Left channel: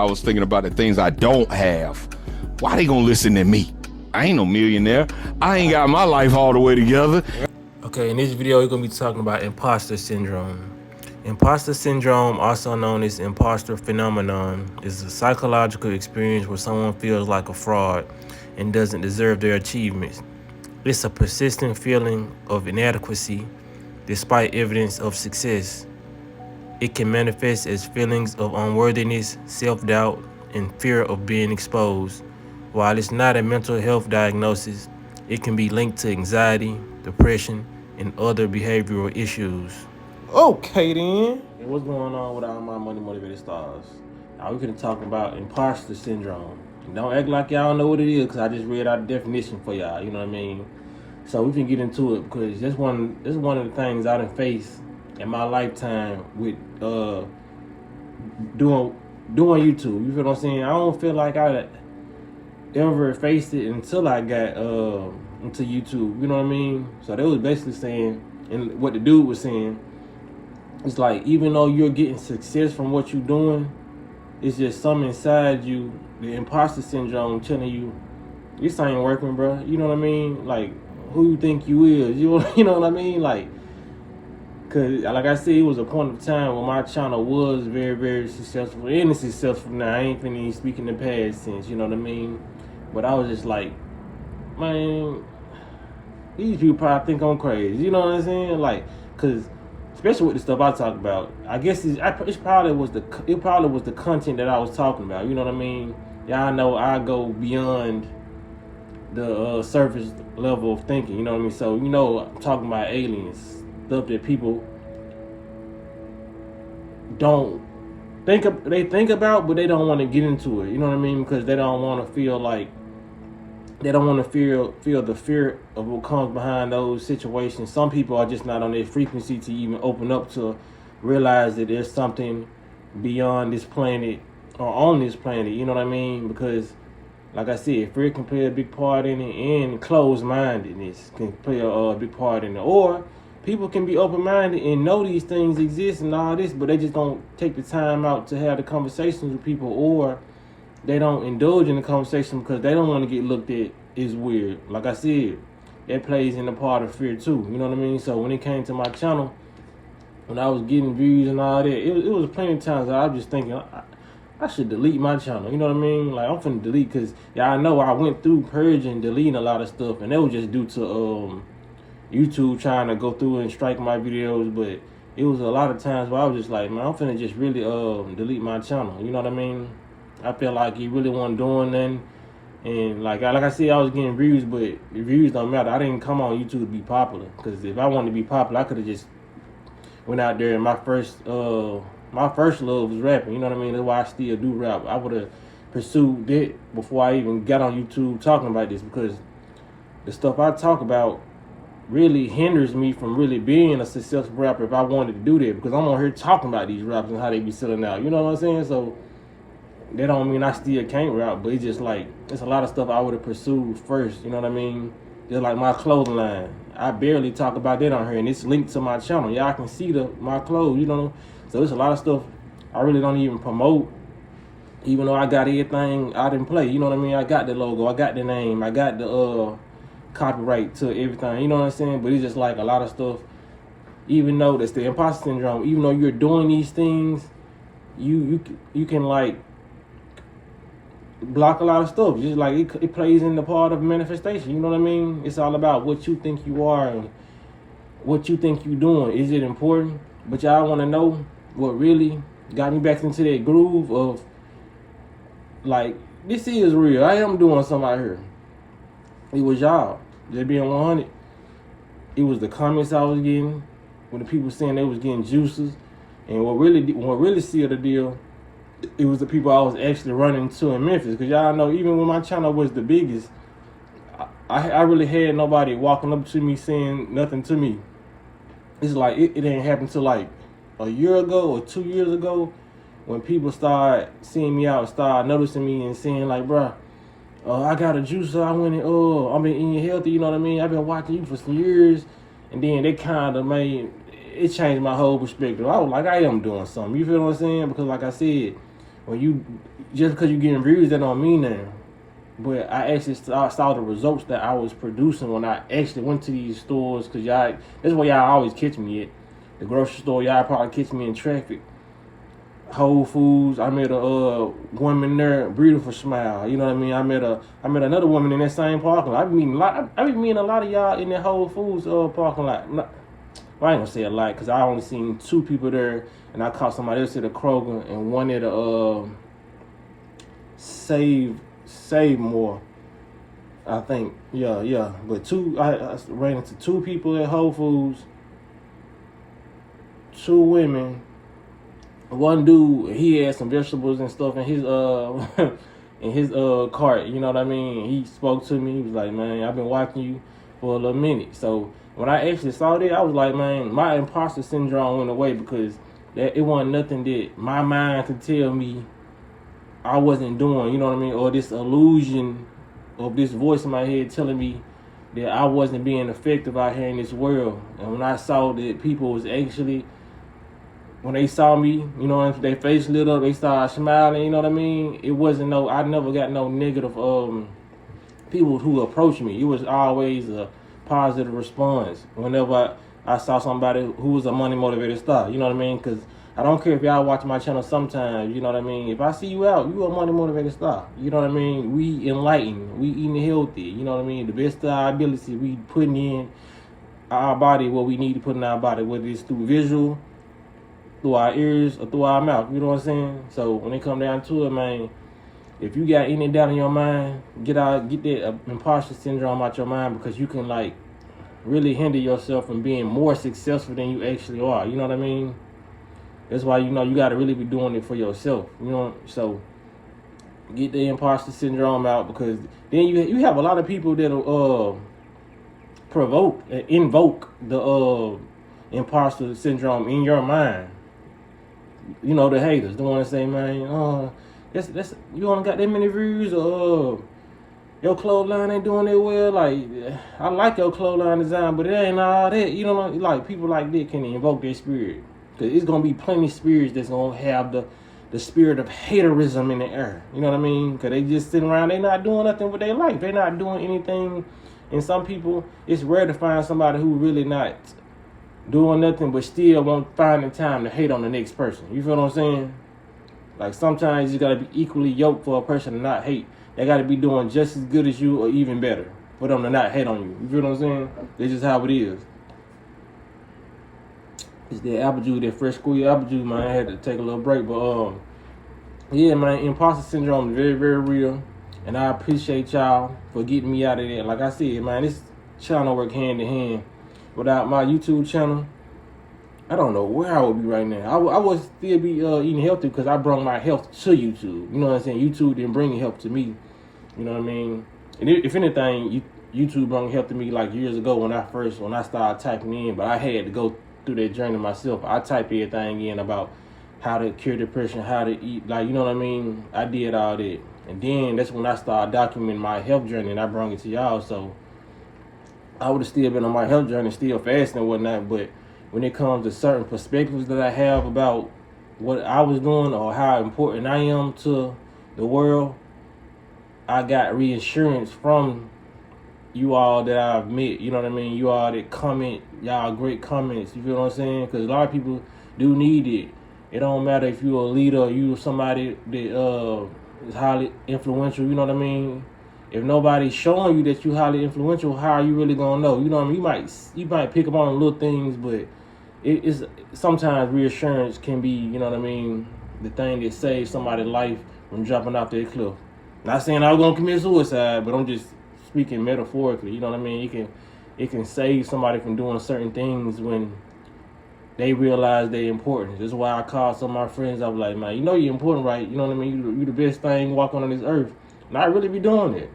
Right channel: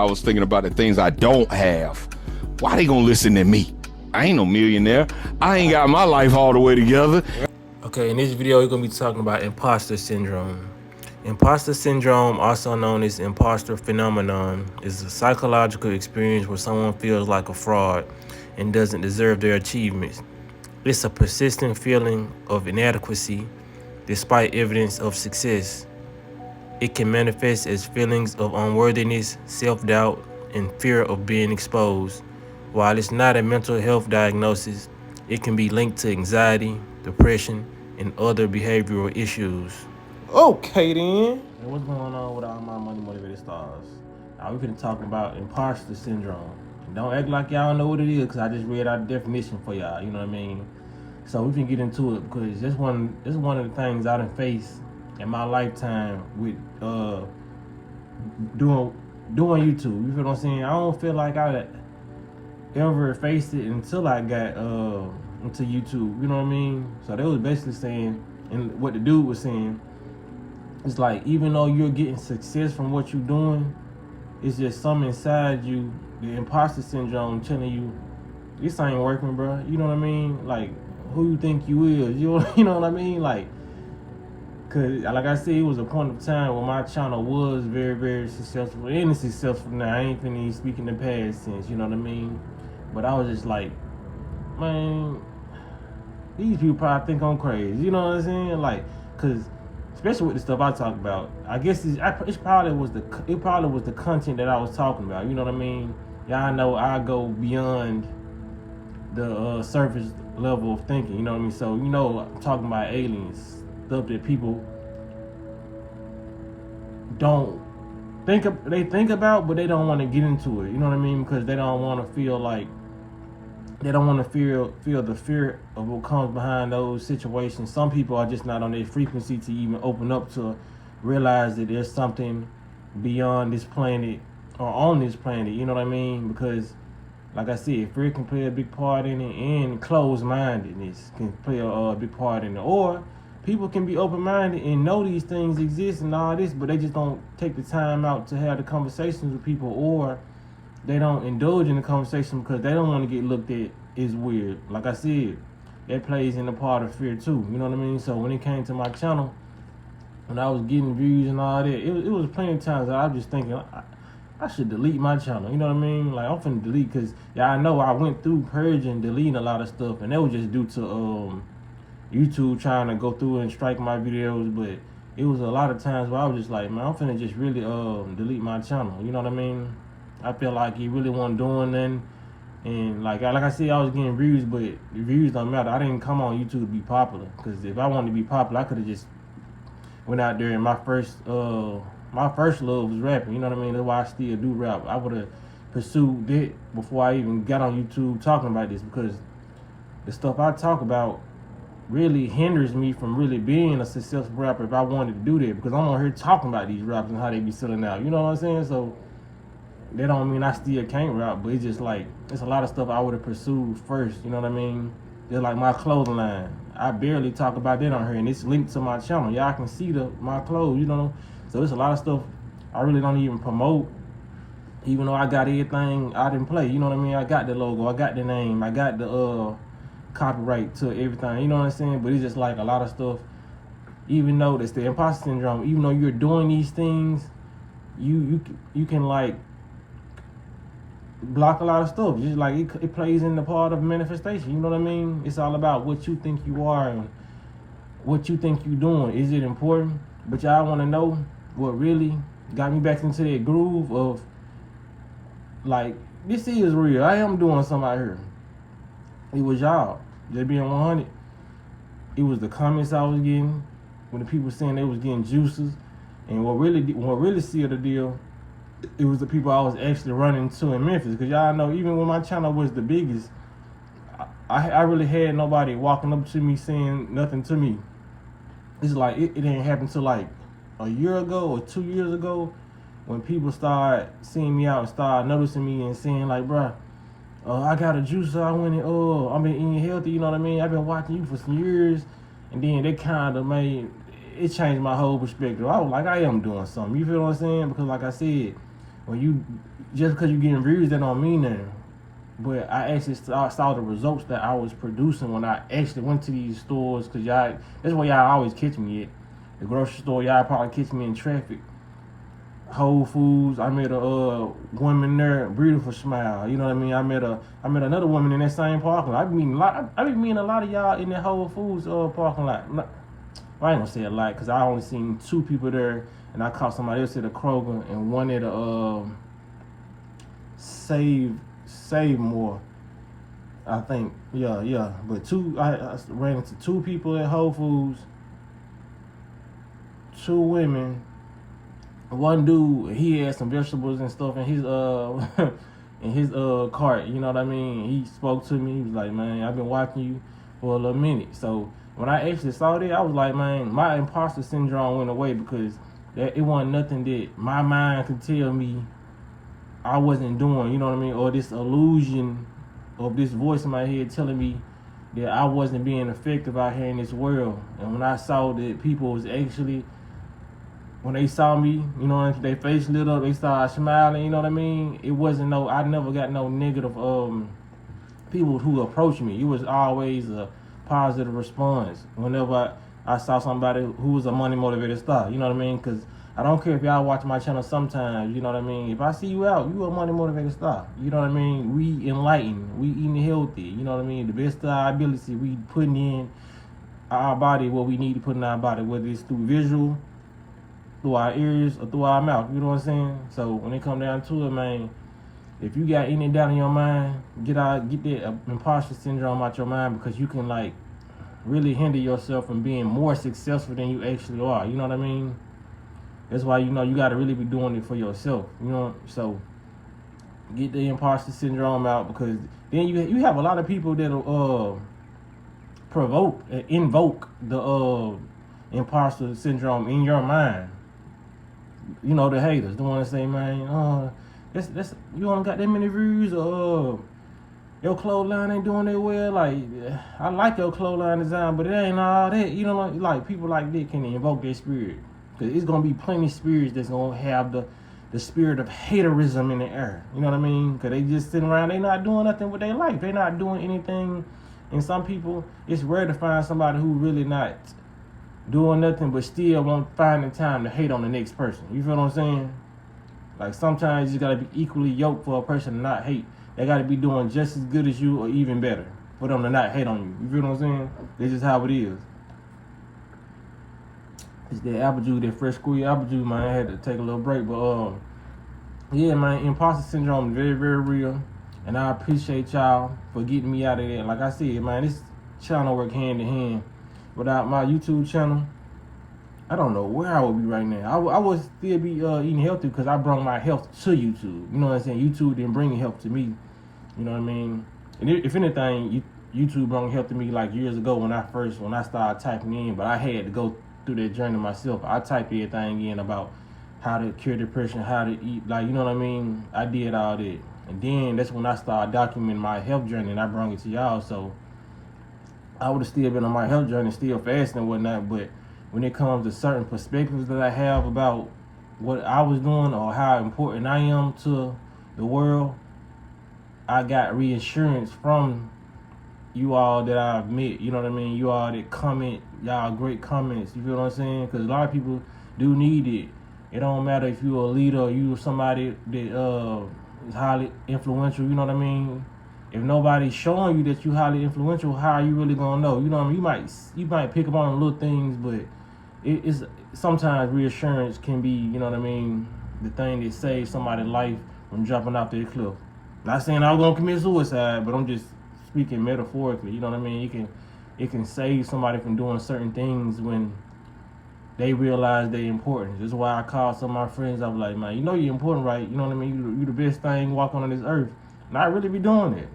I was thinking about the things I don't have. Why they gonna listen to me? I ain't no millionaire. I ain't got my life all the way together. Okay, in this video, we're going to be talking about imposter syndrome. Imposter syndrome, also known as imposter phenomenon, is a psychological experience where someone feels like a fraud and doesn't deserve their achievements. It's a persistent feeling of inadequacy despite evidence of success. It can manifest as feelings of unworthiness, self-doubt, and fear of being exposed. While it's not a mental health diagnosis, it can be linked to anxiety, depression, and other behavioral issues. Okay then. What's going on with all my money motivated stars? Now we're gonna talk about imposter syndrome. And don't act like y'all know what it is, because I just read out the definition for y'all, you know what I mean? So we can get into it, because this is one of the things I done faced in my lifetime with doing YouTube. You feel what I'm saying? I don't feel like I ever faced it until I got into YouTube. You know what I mean? So they was basically saying, and what the dude was saying, it's like, even though you're getting success from what you're doing, it's just something inside you, the imposter syndrome, telling you this ain't working, bro. You know what I mean? Like, who you think you is? You know what I mean? Like, cause like I said, it was a point of time when my channel was very, very successful, and it's successful now. I ain't finna speak in the past tense, you know what I mean? But I was just like, man, these people probably think I'm crazy. You know what I'm saying? Like, cause especially with the stuff I talk about, I guess it probably was the content that I was talking about. You know what I mean? Y'all know I go beyond the surface level of thinking. You know what I mean? So I'm talking about aliens, stuff that people don't think about, but they don't want to get into it. You know what I mean? Because they don't want to feel like, they don't want to feel the fear of what comes behind those situations. Some people are just not on their frequency to even open up to realize that there's something beyond this planet or on this planet. You know what I mean? Because, like I said, fear can play a big part in it, and closed-mindedness can play a big part in it. Or people can be open-minded and know these things exist and all this, but they just don't take the time out to have the conversations with people, or they don't indulge in the conversation because they don't want to get looked at as weird. Like I said, that plays in the part of fear too. You know what I mean? So when it came to my channel, when I was getting views and all that, it was plenty of times that I was just thinking, I should delete my channel. You know what I mean? Like, I'm finna delete, because I know I went through purging, deleting a lot of stuff, and that was just due to YouTube trying to go through and strike my videos. But it was a lot of times where I was just like, man, I'm finna just really delete my channel. You know what I mean? I feel like he really wasn't doing nothing, and like I said, I was getting views, but the views don't matter. I didn't come on YouTube to be popular, because if I wanted to be popular, I could have just went out there, and my first love was rapping. You know what I mean? That's why I still do rap. I would have pursued that before I even got on YouTube talking about this, because the stuff I talk about really hinders me from really being a successful rapper if I wanted to do that, because I'm on here talking about these rappers and how they be selling out. You know what I'm saying? So that don't mean I still can't rap, but it's just like, it's a lot of stuff I would have pursued first. You know what I mean? It's like my clothing line. I barely talk about that on here, and it's linked to my channel. Y'all can see my clothes, you know? So there's a lot of stuff I really don't even promote, even though I got everything out in play. You know what I mean? I got the logo, I got the name, I got the copyright to everything. You know what I'm saying? But it's just like a lot of stuff, even though that's the imposter syndrome, even though you're doing these things, you can like block a lot of stuff. Just like it plays in the part of manifestation. You know what I mean? It's all about what you think you are and what you think you're doing. Is it important? But y'all want to know what really got me back into that groove of, like, this is real. I am doing something out here. It was y'all. Just being 100. It was the comments I was getting when the people saying they was getting juices, and what really sealed the deal, it was the people I was actually running to in Memphis. Because y'all know, even when my channel was the biggest, I really had nobody walking up to me saying nothing to me. It's like, it didn't happen till like a year ago or 2 years ago, when people started seeing me out, started noticing me and saying like, bruh, I got a juicer, I went and I've been eating healthy, you know what I mean? I've been watching you for some years. And then they kind of it changed my whole perspective. I was like, I am doing something. You feel what I'm saying? Because like I said, when you just because you getting views, that don't mean nothing. But I actually saw the results that I was producing when I actually went to these stores. Cause y'all, that's where y'all always catch me at. The grocery store, y'all probably catch me in traffic. Whole Foods, I met a woman there, beautiful smile. You know what I mean? I met another woman in that same parking lot. I be meeting a lot of y'all in that Whole Foods parking lot. Well, I ain't gonna say a lot because I only seen 2 people there, and I caught somebody else at a Kroger and one at a Save More. I think, yeah. But I ran into 2 people at Whole Foods, 2 women. One dude, he had some vegetables and stuff in his in his cart. You know what I mean? He spoke to me. He was like, "Man, I've been watching you for a little minute." So when I actually saw that, I was like, "Man, my imposter syndrome went away because it wasn't nothing that my mind could tell me I wasn't doing." You know what I mean? Or this illusion of this voice in my head telling me that I wasn't being effective out here in this world. And when I saw that people was actually, when they saw me, you know, their face lit up, they started smiling, you know what I mean? It wasn't I never got no negative people who approached me. It was always a positive response whenever I saw somebody who was a money motivated star, you know what I mean? Because I don't care if y'all watch my channel sometimes, you know what I mean? If I see you out, you a money motivated star, you know what I mean? We enlightened, we eating healthy, you know what I mean? The best of our ability, we putting in our body what we need to put in our body, whether it's through visual, through our ears, or through our mouth, you know what I'm saying? So when it come down to it, man, if you got any doubt in your mind, get that imposter syndrome out your mind, because you can like really hinder yourself from being more successful than you actually are, you know what I mean? That's why, you know, you got to really be doing it for yourself, you know? So get the imposter syndrome out, because then you have a lot of people that'll invoke the imposter syndrome in your mind. You know, the haters, the ones that say, "Man, that's you don't got that many views," or your clothesline ain't doing it well. Like, I like your clothesline design, but it ain't all that. You know, like people like that can invoke their spirit, because it's gonna be plenty of spirits that's gonna have the spirit of haterism in the air. You know what I mean? Because they just sitting around, they not doing nothing with their life. They not doing anything. And some people, it's rare to find somebody who really not doing nothing but still won't find the time to hate on the next person. You feel what I'm saying? Like, sometimes you gotta be equally yoked for a person to not hate. They gotta be doing just as good as you or even better for them to not hate on you. You feel what I'm saying? That's just how it is. It's that apple juice, that fresh squeezed apple juice, man. I had to take a little break, but yeah, man, imposter syndrome is very, very real, and I appreciate y'all for getting me out of that. Like I said, man, this channel work hand in hand. Without my YouTube channel, I don't know where I would be right now. I would still be eating healthy, because I brought my health to YouTube. You know what I'm saying? YouTube didn't bring health to me. You know what I mean? And if anything, YouTube brought health to me like years ago when I started typing in. But I had to go through that journey myself. I typed everything in about how to cure depression, how to eat, like, you know what I mean? I did all that. And then that's when I started documenting my health journey, and I brought it to y'all. So I would have still been on my health journey, still fasting and whatnot, but when it comes to certain perspectives that I have about what I was doing or how important I am to the world, I got reassurance from you all that I've met, you know what I mean? You all that comment, y'all great comments, you feel what I'm saying? Because a lot of people do need it. It don't matter if you're a leader or you somebody that is highly influential, you know what I mean? If nobody's showing you that you're highly influential, how are you really gonna know? You know what I mean? You might pick up on little things, but it's sometimes reassurance can be, you know what I mean, the thing that saves somebody's life from dropping off that cliff. Not saying I was gonna commit suicide, but I'm just speaking metaphorically. You know what I mean? It can save somebody from doing certain things when they realize their importance. That's why I call some of my friends. I was like, "Man, you know you're important, right? You know what I mean? You the best thing walking on this earth." And I really be doing it.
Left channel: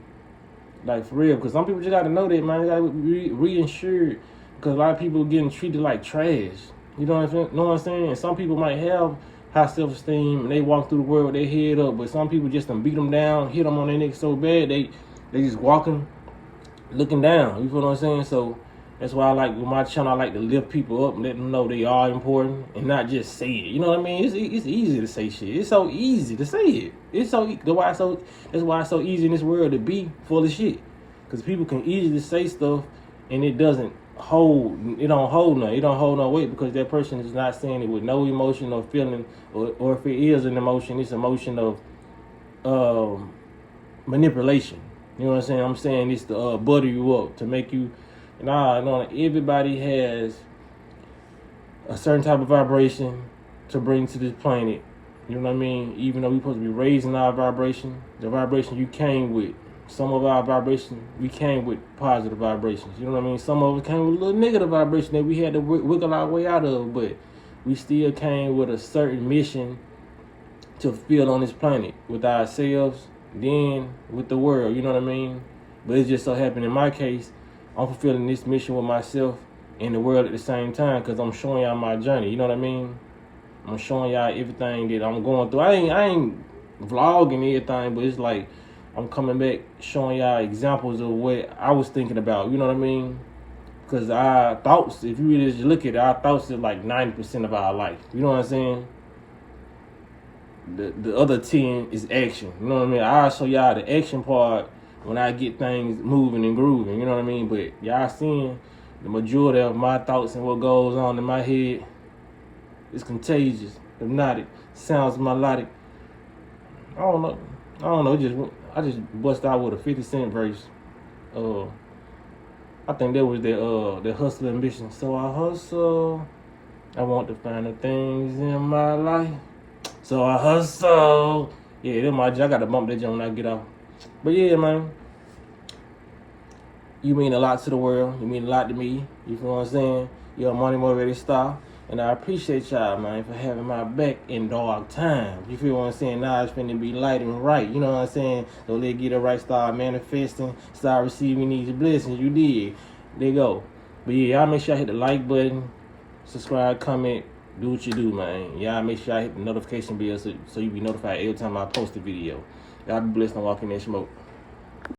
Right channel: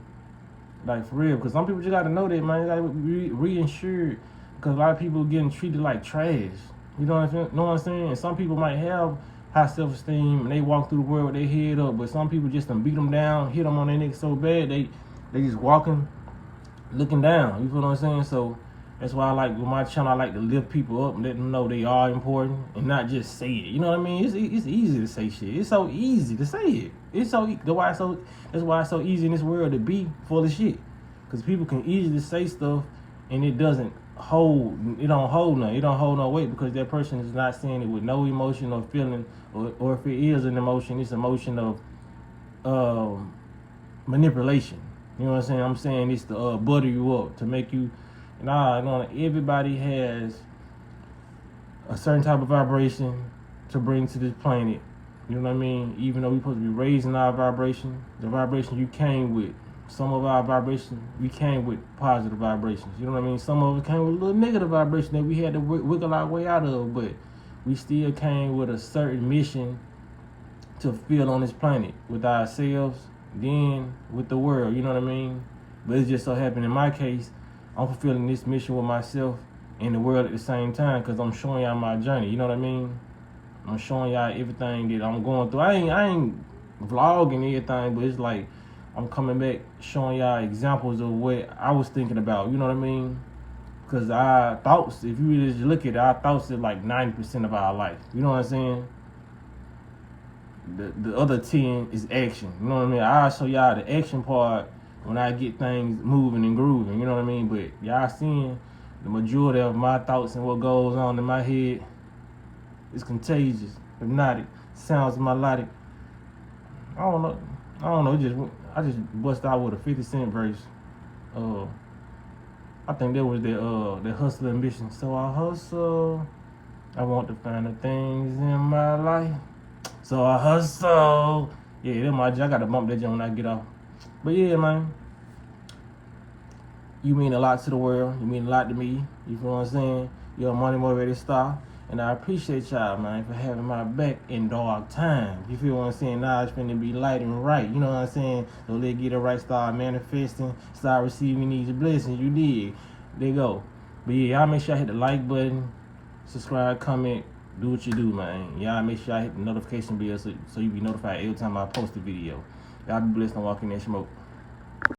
Like, for real, because some people just got to know that, man. You got to be reinsured, because a lot of people are getting treated like trash. You know what I'm saying? And some people might have high self-esteem, and they walk through the world with their head up, but some people just done beat them down, hit them on their neck so bad, they just walking, looking down. You feel what I'm saying? So That's why I like with my channel, I like to lift people up and let them know they are important and not just say it. You know what I mean? It's easy to say shit. It's so easy to say it. That's why it's so easy in this world to be full of shit. Because people can easily say stuff and it don't hold nothing. It don't hold no weight because that person is not saying it with no emotion or feeling, or if it is an emotion, it's emotion of manipulation. You know what I'm saying? I'm saying it's to butter you up, to make you. No, everybody has a certain type of vibration to bring to this planet. You know what I mean? Even though we're supposed to be raising our vibration, the vibration you came with. Some of our vibration, we came with positive vibrations. You know what I mean? Some of us came with a little negative vibration that we had to wiggle our way out of, but we still came with a certain mission to fulfill on this planet with ourselves, then with the world. You know what I mean? But it just so happened in my case, I'm fulfilling this mission with myself and the world at the same time because I'm showing y'all my journey. You know what I mean? I'm showing y'all everything that I'm going through. I ain't vlogging everything, but it's like I'm coming back showing y'all examples of what I was thinking about. You know what I mean? Because our thoughts, if you really just look at it, our thoughts are like 90% of our life. You know what I'm saying? The other 10 is action. You know what I mean? I'll show y'all the action part when I get things moving and grooving, you know what I mean? But y'all seeing the majority of my thoughts and what goes on in my head is contagious, hypnotic, sounds melodic. I don't know. I just bust out with a 50 Cent verse. I think that was the hustle ambition. So I hustle. I want to find the things in my life. So I hustle. Yeah, that's my. I gotta bump that jump when I get off. But yeah, man, you mean a lot to the world. You mean a lot to me. You feel what I'm saying? You're a money motivated star. And I appreciate y'all, man, for having my back in dark times. You feel what I'm saying? Now it's finna be light and right. You know what I'm saying? So let's get it right, start manifesting, start receiving these blessings. You did. There you go. But yeah, y'all make sure I hit the like button, subscribe, comment, do what you do, man. Y'all make sure I hit the notification bell so you be notified every time I post a video. Y'all be blessed and walk in that smoke.